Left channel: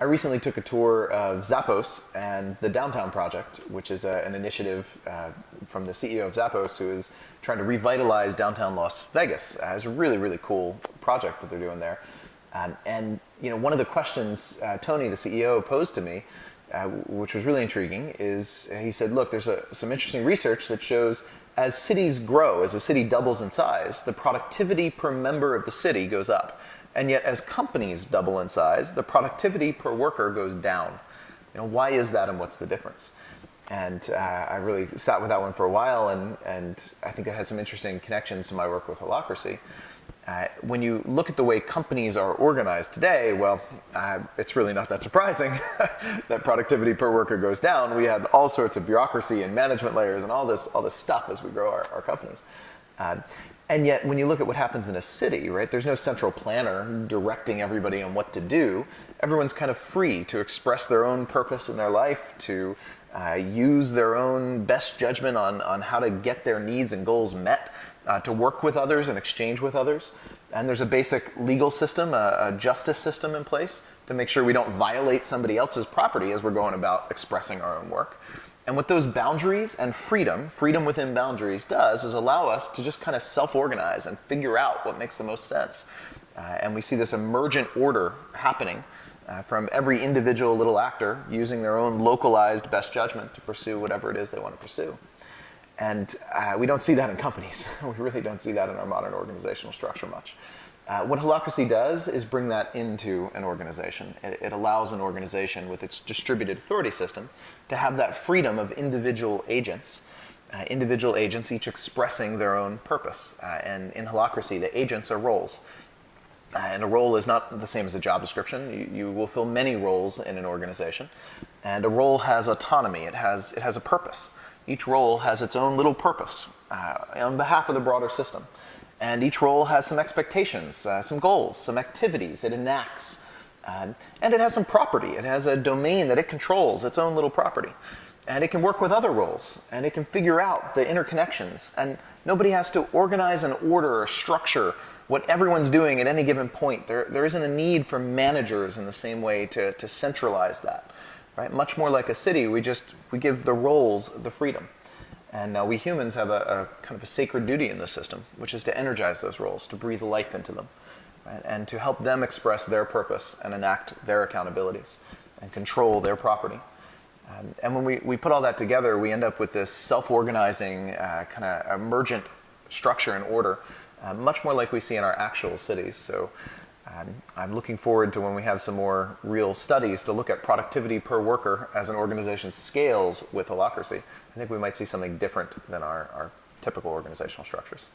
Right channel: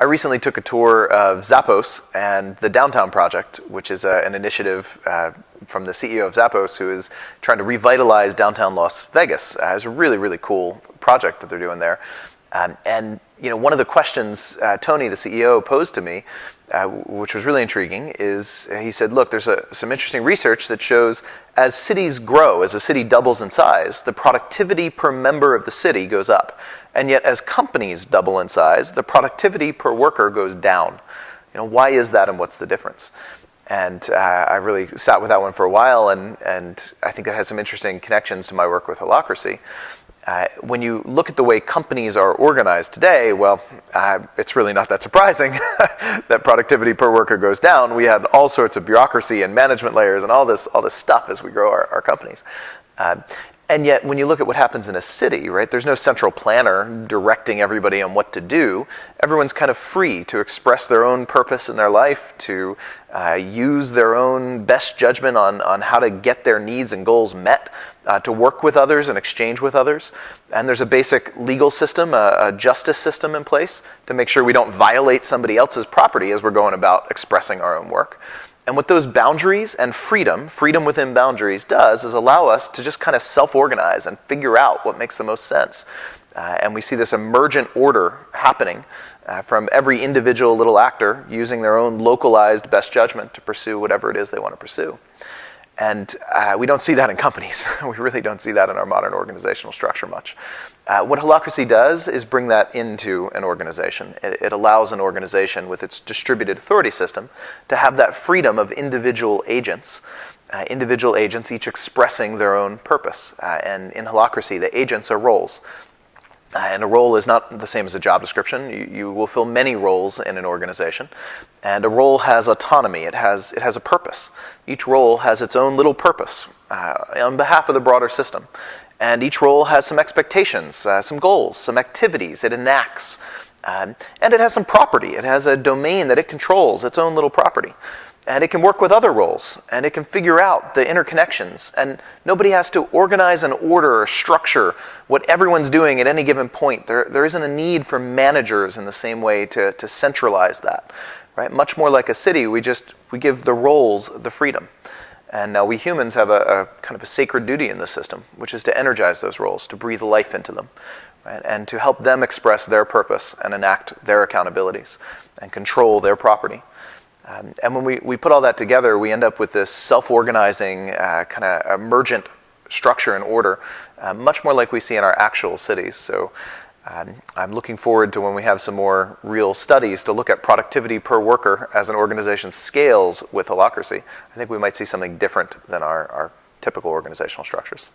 I recently took a tour of Zappos and the Downtown Project, which is an initiative from the CEO of Zappos, who is trying to revitalize downtown Las Vegas. It's a really, really cool project that they're doing there. And one of the questions Tony, the CEO, posed to me, which was really intriguing, is he said, look, there's some interesting research that shows as cities grow, as a city doubles in size, the productivity per member of the city goes up. And yet as companies double in size, the productivity per worker goes down. Why is that and what's the difference? And I really sat with that one for a while, and I think that has some interesting connections to my work with Holocracy. When you look at the way companies are organized today, well, it's really not that surprising that productivity per worker goes down. We had all sorts of bureaucracy and management layers and all this stuff as we grow our companies. And yet, when you look at what happens in a city, right, there's no central planner directing everybody on what to do. Everyone's kind of free to express their own purpose in their life, to use their own best judgment on how to get their needs and goals met, to work with others and exchange with others. And there's a basic legal system, a justice system in place to make sure we don't violate somebody else's property as we're going about expressing our own work. And what those boundaries and freedom within boundaries does is allow us to just kind of self-organize and figure out what makes the most sense. And we see this emergent order happening from every individual little actor using their own localized best judgment to pursue whatever it is they want to pursue. And we don't see that in companies. We really don't see that in our modern organizational structure much. What Holocracy does is bring that into an organization. It allows an organization with its distributed authority system to have that freedom of individual agents each expressing their own purpose. And in Holocracy, the agents are roles. And a role is not the same as a job description. You will fill many roles in an organization. And a role has autonomy. It has a purpose. Each role has its own little purpose on behalf of the broader system. And each role has some expectations, some goals, some activities it enacts. And it has some property. It has a domain that it controls, its own little property. And it can work with other roles, and it can figure out the interconnections. And nobody has to organize and order or structure what everyone's doing at any given point. There isn't a need for managers in the same way to centralize that. Right? Much more like a city, we give the roles the freedom. And now we humans have a kind of a sacred duty in this system, which is to energize those roles, to breathe life into them, right? And to help them express their purpose and enact their accountabilities and control their property. And when we put all that together, we end up with this self-organizing kind of emergent structure and order, much more like we see in our actual cities. So I'm looking forward to when we have some more real studies to look at productivity per worker as an organization scales with Holocracy. I think we might see something different than our typical organizational structures.